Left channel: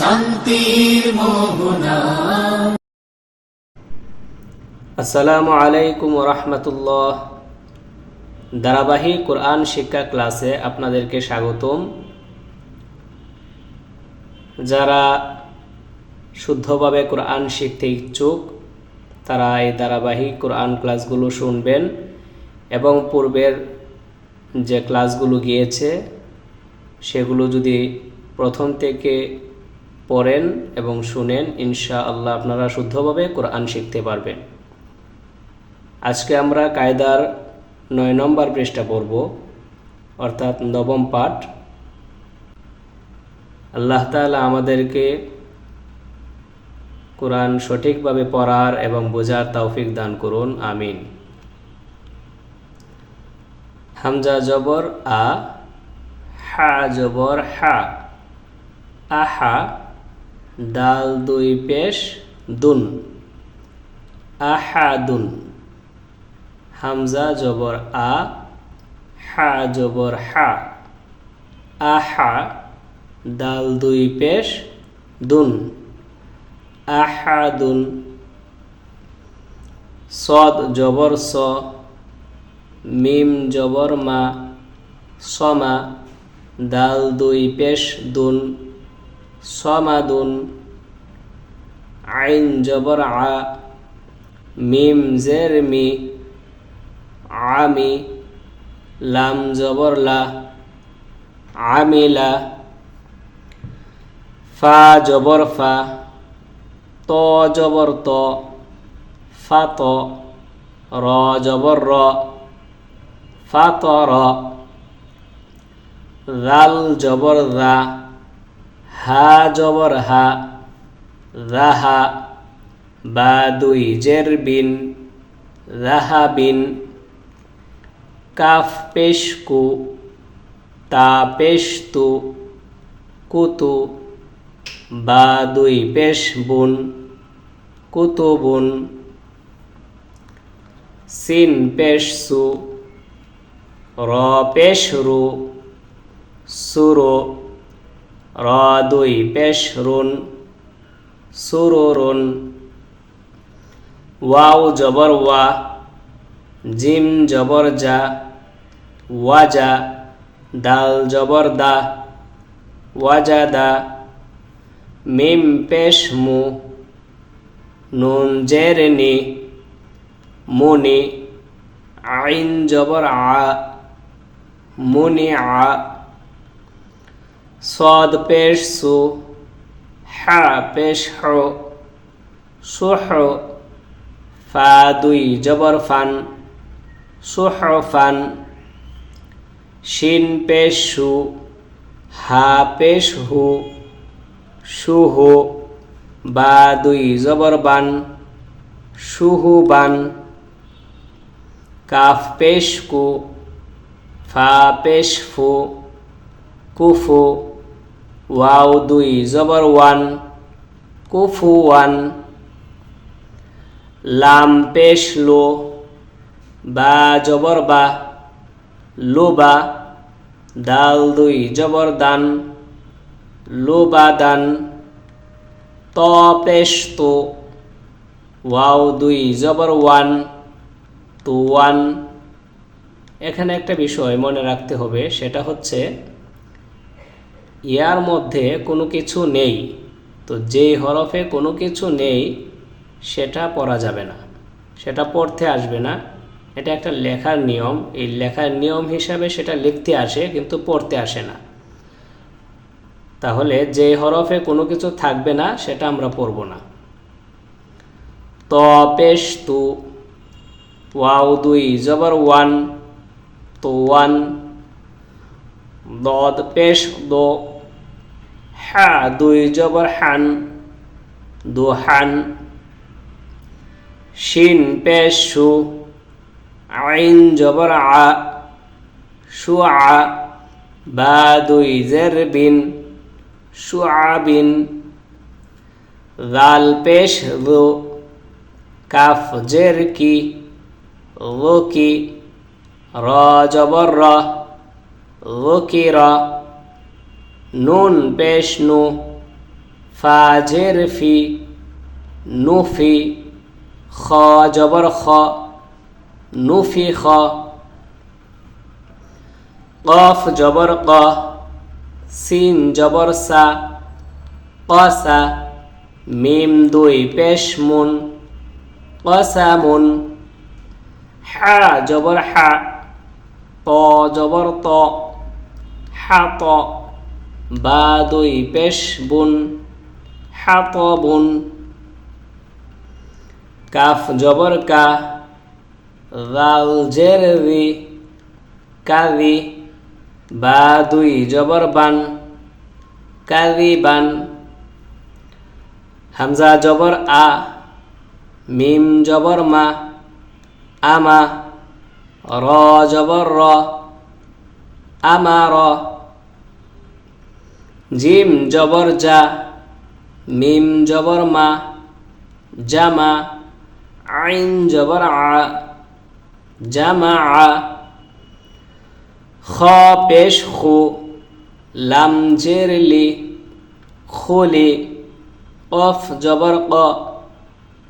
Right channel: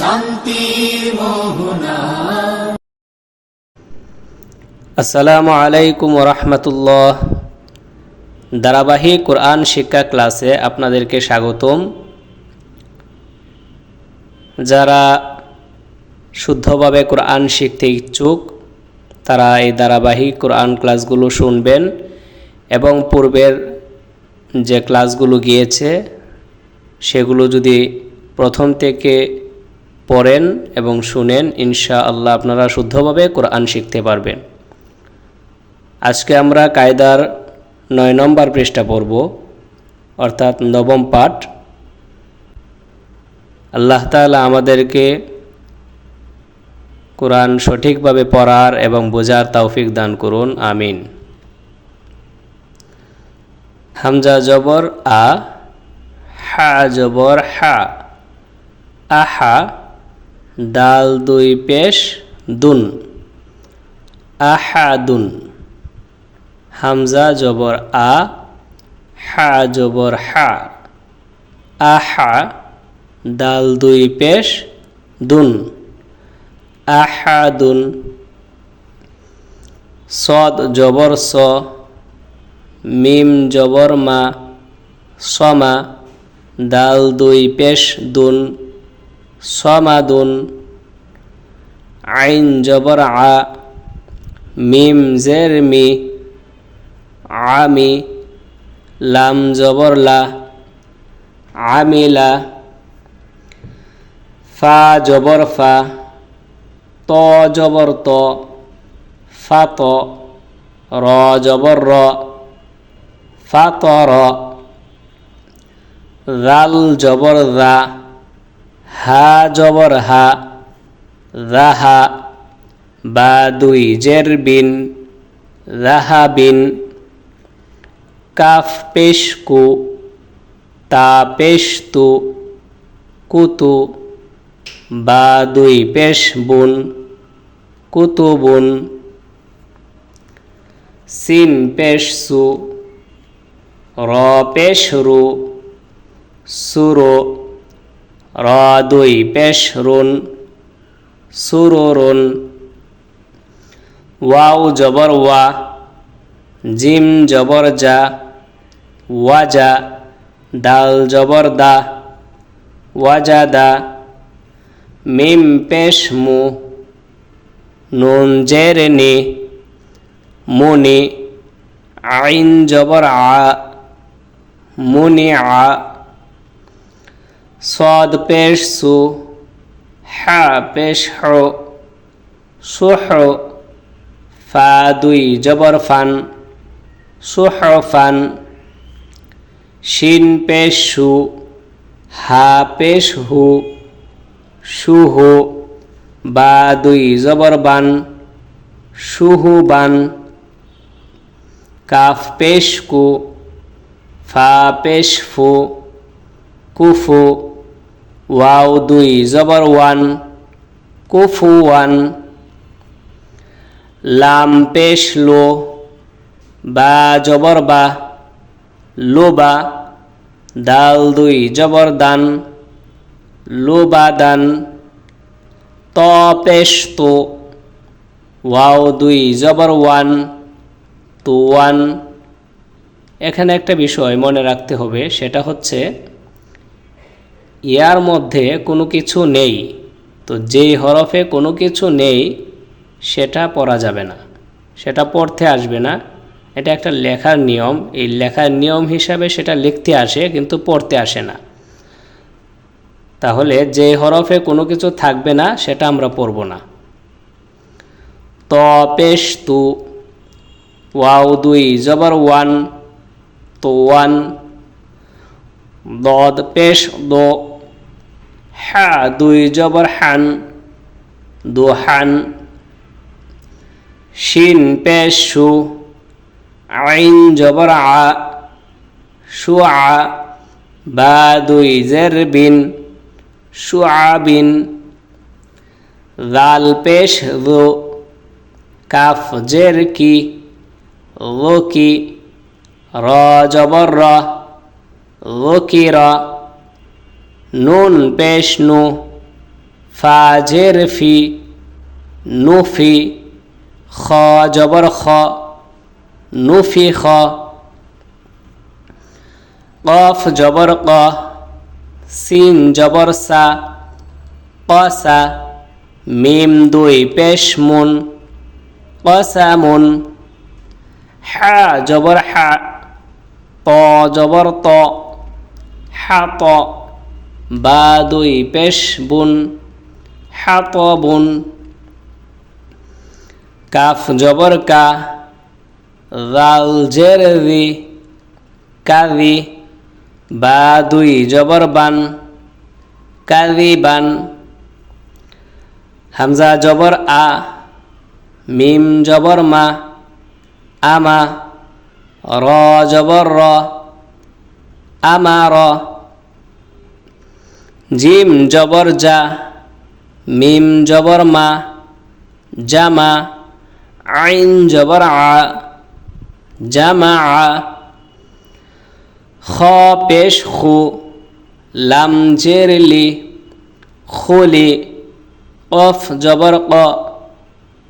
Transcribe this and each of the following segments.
শান্তির মোহনা। আসসালামু আলাইকুম রহমতুল্লাহ। ধারাবাহিক কোরআন শিক্ষা ক্লাসে আপনাদেরকে স্বাগতম। যারা শুদ্ধভাবে কোরআন শিখতে ইচ্ছুক, তারা এই ধারাবাহিক কোরআন ক্লাসগুলো শুনবেন এবং পূর্বের যে ক্লাসগুলো গিয়েছে, সেগুলো যদি প্রথম থেকে পড়েন এবং শুনেন ইনশা আল্লাহ আপনারা শুদ্ধভাবে কোরআন শিখতে পারবেন। আজকে আমরা কায়দার নয় নম্বর পৃষ্ঠা পড়ব, অর্থাৎ নবম পাঠ। আল্লাহ তালা আমাদেরকে কোরআন সঠিকভাবে পড়ার এবং বোঝার তৌফিক দান করুন, আমিন। হামজা জবর আ, হা জবর হা আহা দাল দুই পেশ, দুন আহাদুন হামজা জবর আ, হা জবর হা আহা দাল দুই পেশ, দুন আহাদুন সদ জবর স মিম জবর মা, সমা, দাল দুই পেশ দুন সমাদুন আইন জবর আ, মিম জের মি আমি লাম জবর লা আমিলা ফা জবর ফা, ত জবর ত ফাত র জবর র। ফাতর রাল জবর রা হা জবর হা রাহা বা দুই জের বিন রাহা বিন, কাফ পেশ কু, তা পেশ তু, কুতু, বা দুই পেশ বুন কুতুবুন সিন পেশ সু র পেশ রু সুরো র দুই পেশ রুন সুরুরুন। ওয়াও জবর ওয়া, জিম জবর যা ওয়াজা দাল জবর দা ওয়াজাদা মিম পেশ মু, নুন জের নি মুনি আইন জবর আ। মুনিআ সদ পেশ সু হা পেশ হুহ্র ফা দুই জবর ফান সুহ্র ফান শিন পেশ সু হা পেশ হু সুহ বা দুই জবর বান সুহু বান কাফ পেশ কু ফা পেশ ফু কুফু ওয়াও দুই জবর ওয়ান কুফু ওয়ান লাম পেশ লো বা জবর বা লোবা দাল দুই জবর দান লোবা দান ত পেশ তো ওয়াও দুই জবর ওয়ান তো ওয়ান এখানে একটা বিষয় মনে রাখতে হবে, সেটা হচ্ছে ইয়ার মধ্যে কোনো কিছু নেই, তো যেই হরফে কোনো কিছু নেই, সেটা পড়া যাবে না, সেটা পড়তে আসবে না। এটা একটা লেখার নিয়ম, এই লেখার নিয়ম হিসাবে সেটা লিখতে আসে, কিন্তু পড়তে আসে না। তাহলে যে হরফে কোনো কিছু থাকবে না, সেটা আমরা পড়ব না। ত, পেশ, তু, ওয়াও, দুই, জবর, ওয়ান তো ওয়ান দদ পেশ দো হা দুই জবর হান দু হান শিন পেশ সু আইন জবর আ সু আ বা দুই জের বিন সু বিন লাল পেশ রো কাফ জের কি রো কি র জবর র নুন বেশনু ফাজের ফি নুফি খ জবর খ নুফি খ কফ জবর ক সিন জবর সা কসা মিম দুই পেশ মুন কসা মুন হা জবর হা ত জবর ত হা বা দুই পেশ বুন হা ত বুন কাফ জবর কা রাল জের রি কারি বা দুই জবর বান কারি বান হামজা জবর আ মিম জবর মা আমা র জবর র আমার জিম জবর যা মিম জবর মা জামা আইন জবর আ জামা আ খ পেশ খু লাম জের লি খুলি কফ জবর ক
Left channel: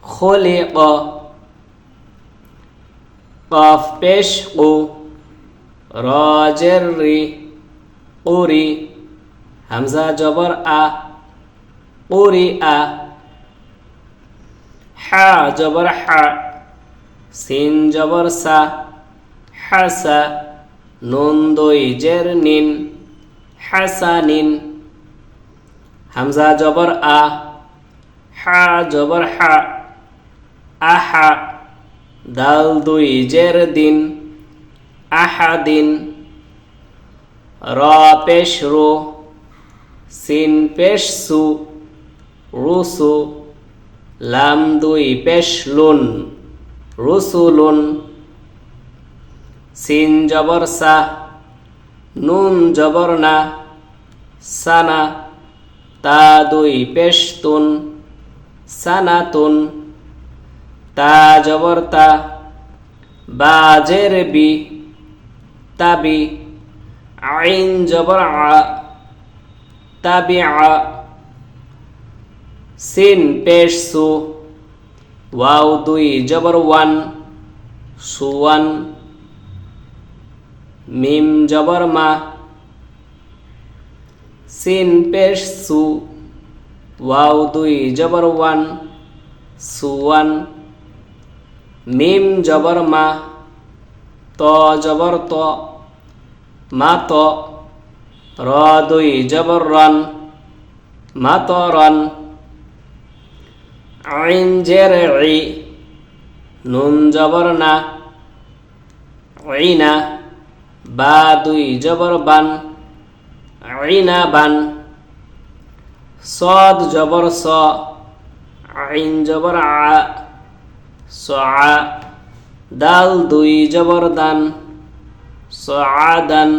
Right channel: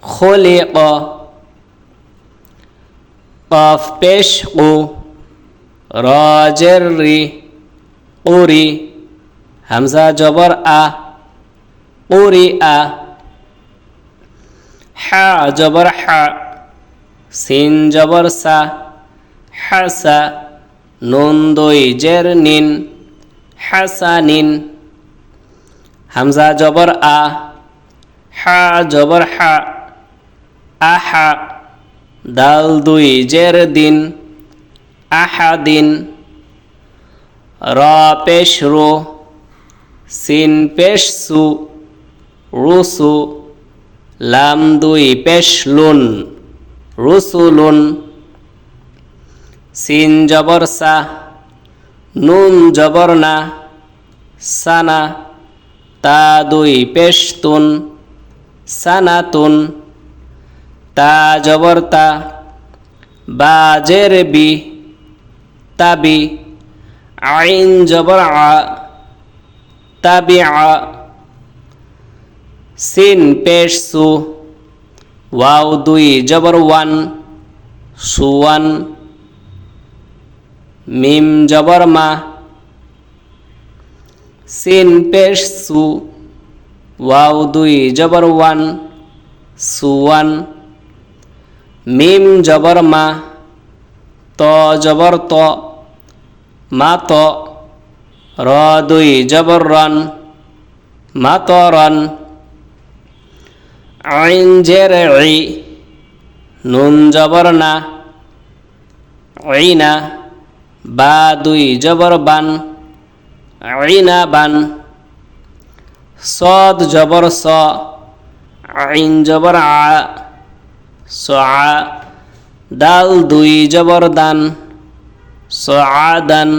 খুলি ক কফ পেশ কু রাজের রি উরি হামজা জবর আ উরি আ, হা জবর হা, সিন জবর সা হাসা নুন দুই জের নিন হাসানিন হামজা জবর আ, হা জবর হা আহা দাল দুই জের দিন, আহাদিন র পেশ রো, সিন পেশ সু, রুসু, লাম দুই পেশ লুন, রুসুলুন। সিন জবর সা, নুন জবর না, সানা, তা দুই পেশ তুন সানাতুন তা জবর তা বাজের বি তাবি আইন জবর আ তাবি আ সিন পেশ সু ওয়াও দুই জবর ওয়ান সুওয়ান মিম জবর মা সিন পেশ সু ওয়াও দুই জবর ওয়ান সুওয়ান মিম জবর মা, ত জবর ত, মা ত, র দুই জবর রন, মা ত রন। আইন জের ই, নুন জবর না ঐনা বা দুই জবর বান ঐনা বান। সদ জবর স, আইন জবর আ স দাল দুই জবর দান স দান,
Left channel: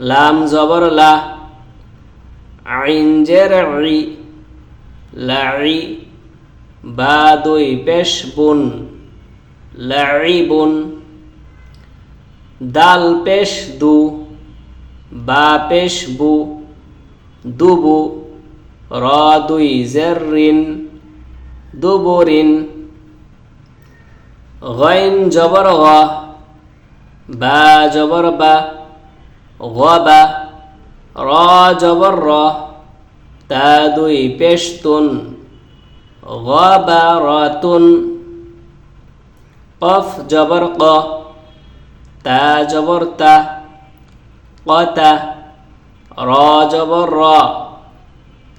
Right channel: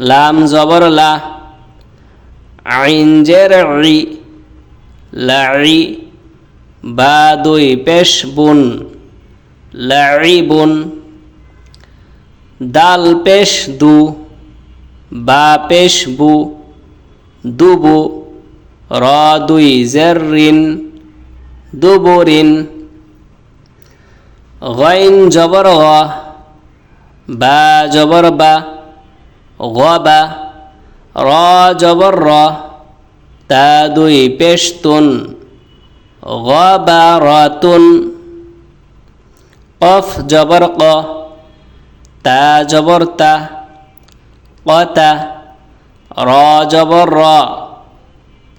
লাম জবর লা আইন জের ই লাড়ি বা দুই পেশ বুন লাড়িবুন দাল পেশ দু, বা পেশ বু, দুবু, র দুই জের দুবুরিন গইন জবর গ বা জবর বা গবা র জবর র তা দুই পেশতুন গবারাতুন কফ জবর ক তা জবর তা কতা র জবর র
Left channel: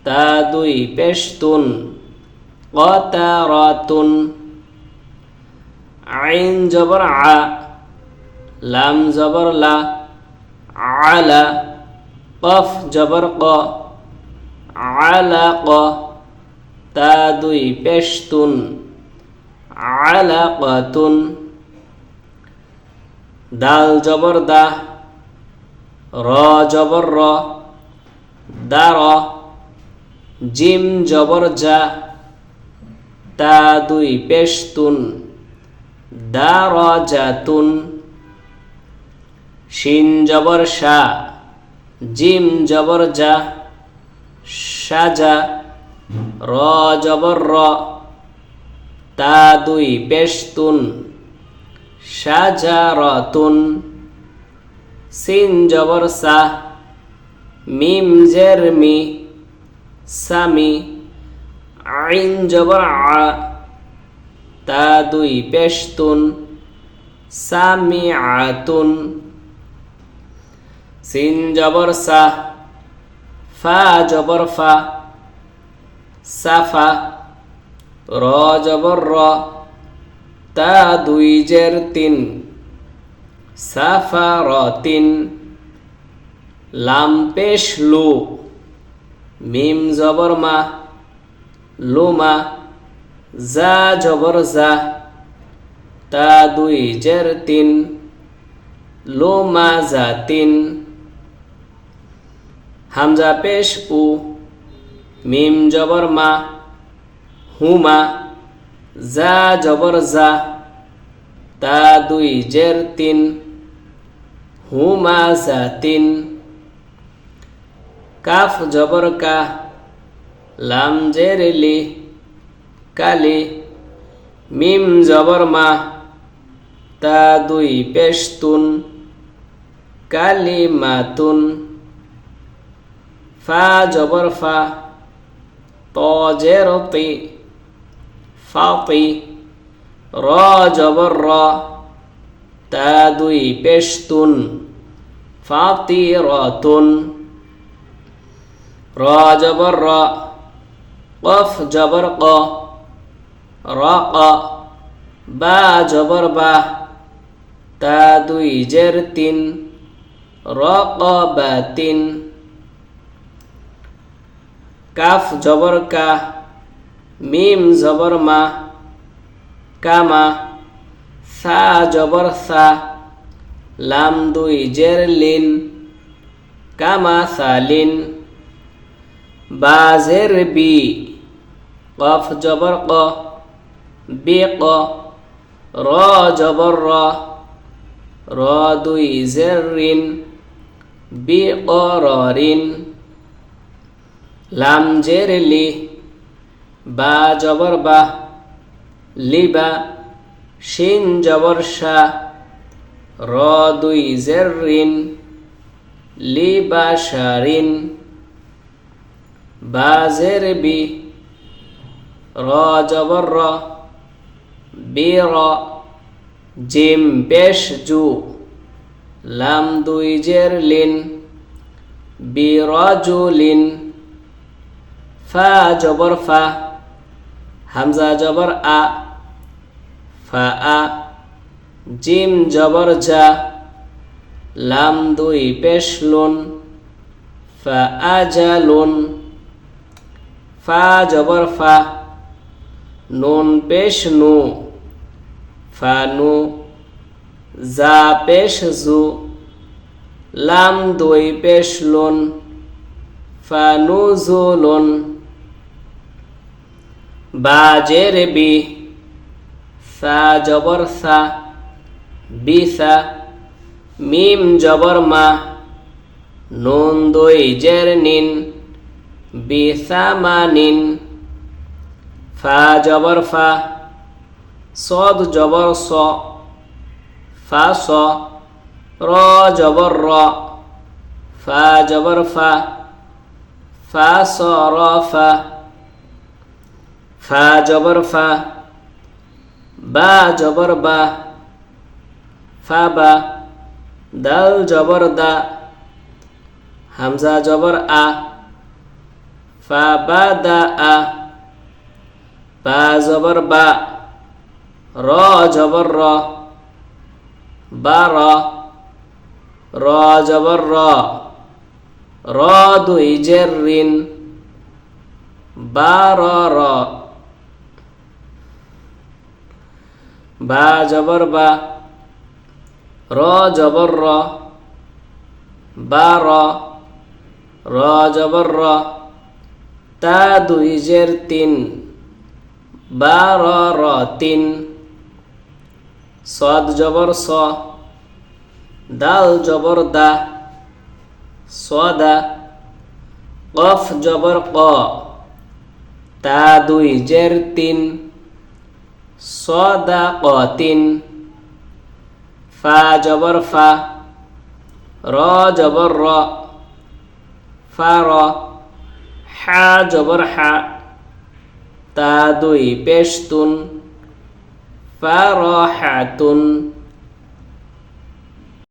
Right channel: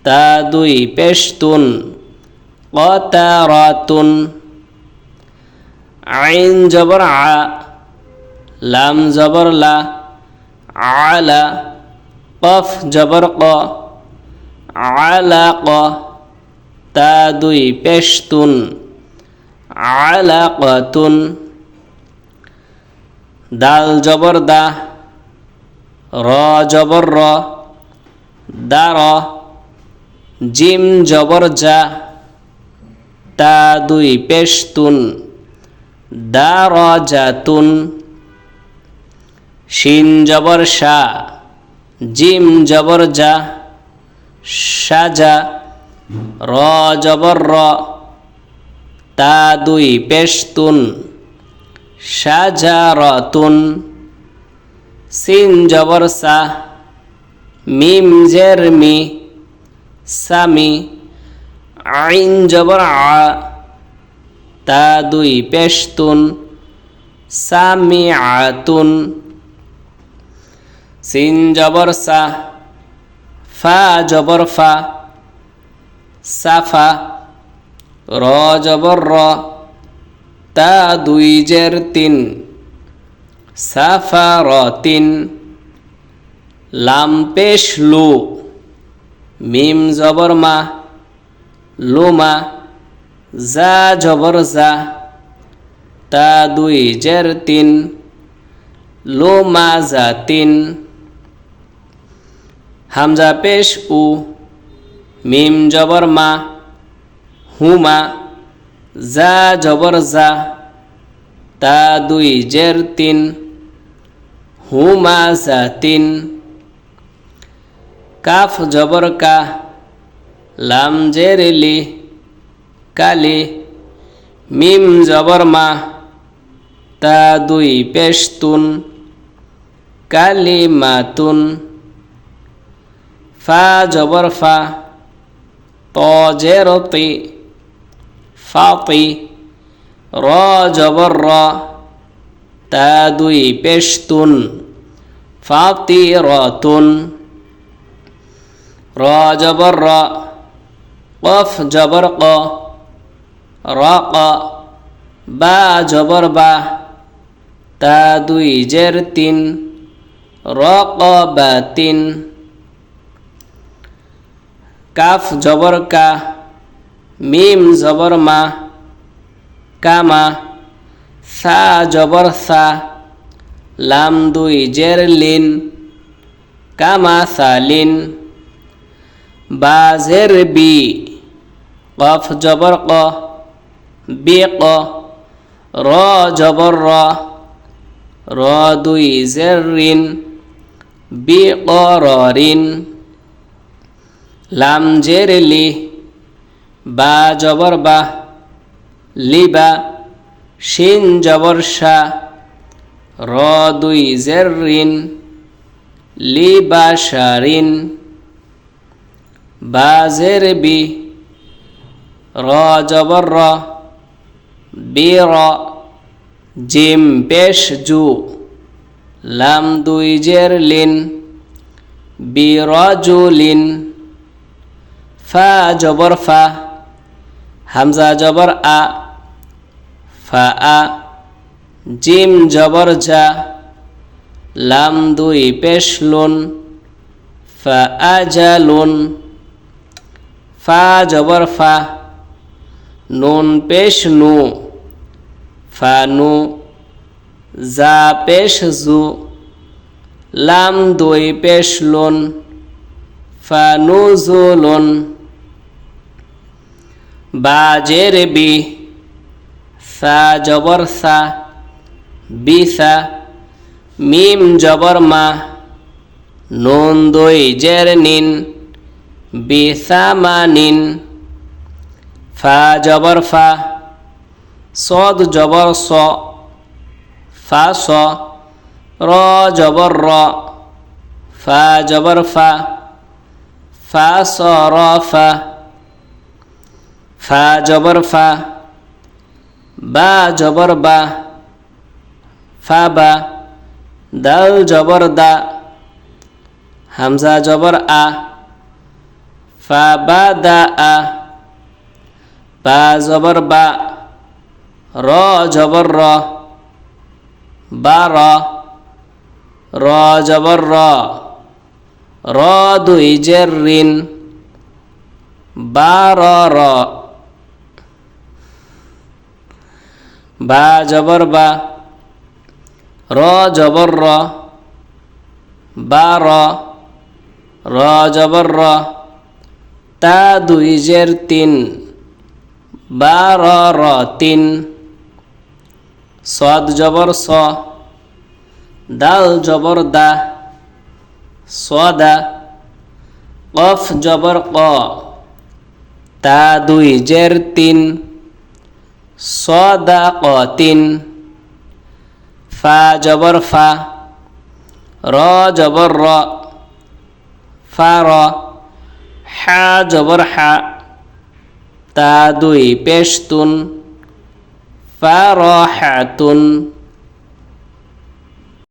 তা দুই পেশতুন কতা রাতুন আইন জবর আ, লাম জবর লা, আলা, কফ জবর ক আলাক তা দুই পেশতুন আলাকাতুন দাল জবর দা, র জবর র দার জিম জবর যা তা দুই পেশতুন। দার জাতুন শিন জবর শা, জিম জবর যা সাজা র জবর র, তা দুই পেশতুন সাজারতুন সিন জবর সা, মিম জের মি সামি আইন জবর আ। তা দুই পেশতুন সামি আতুন সিন জবর সা, ফা জবর ফা, সাফা, র জবর র, তা দুই জের তিন, সাফা র তিন, লাম পেশ লু, মিম জবর মা লুমা যা জবর যা তা দুই জের তিন লুমা যা তিন, হামজা পেশ উ, মিম জবর মা হুমা যা জবর যা তা দুই জের তিন হুমা যা তিন, কাফ জবর কা, লাম জের লি কালি, মিম জবর মা, তা দুই পেশতুন কালি মাতুন ফা জবর ফা ত জের তি ফাতি র জবর র, তা দুই পেশতুন ফাতি রতুন র জবর র, কফ জবর ক র ক বা, জবর, বা, তা দুই জের তিন র ক বা, তিন। কাফ, জবর, কা, মিম, জবর, মা কামা সা, জবর, সা, লাম দুই জের লিন কামা সালিন বা, জের বি, কফ, জবর, ক বি ক র জবর র র দুই জের রিন বি ক র রিন লাম জের লি বা জবর বা লিবা শিন জবর শা র দুই জের রিন লিবা বা জের বি র জবর র বি র জিম পেশ জু, লাম দুই জের লিন বি র জু লিন, ফা জবর ফা, হামজা জবর আ, ফা আ, জিম জবর জা, লাম দুই পেশ লুন, ফা আ জা লুন, ফা জবর ফা, নুন পেশ নু। ফা নু জা পেশ জু, লাম দুই পেশ লুন ফা নু জু লুন। বাজের বি সা জবর সা বিসা মিম জবর মা, নুন দুই জের নিন বিসা মা নিন। ফা জবর ফা সদ জবর স ফা স র জবর র ফা জবর ফা ফা স র ফা ফা জবর ফা বা জবর বা ফা বা দাল জবর দা হামজা জবর আ ফা বা দা আ বা জবর বা র জবর র বা র র জবর র র দুই জের রিন বা র বা জবর র জবর র র তা দুই জের তিন বা র তিন সদ জবর স, দাল জবর দা, সদা, কফ জবর ক, তা দুই জের তিন, সদা ক তিন, ফা জবর ফা, র জবর র, ফা র, হা জবর হা, তা দুই পেশতুন ফা র হাতুন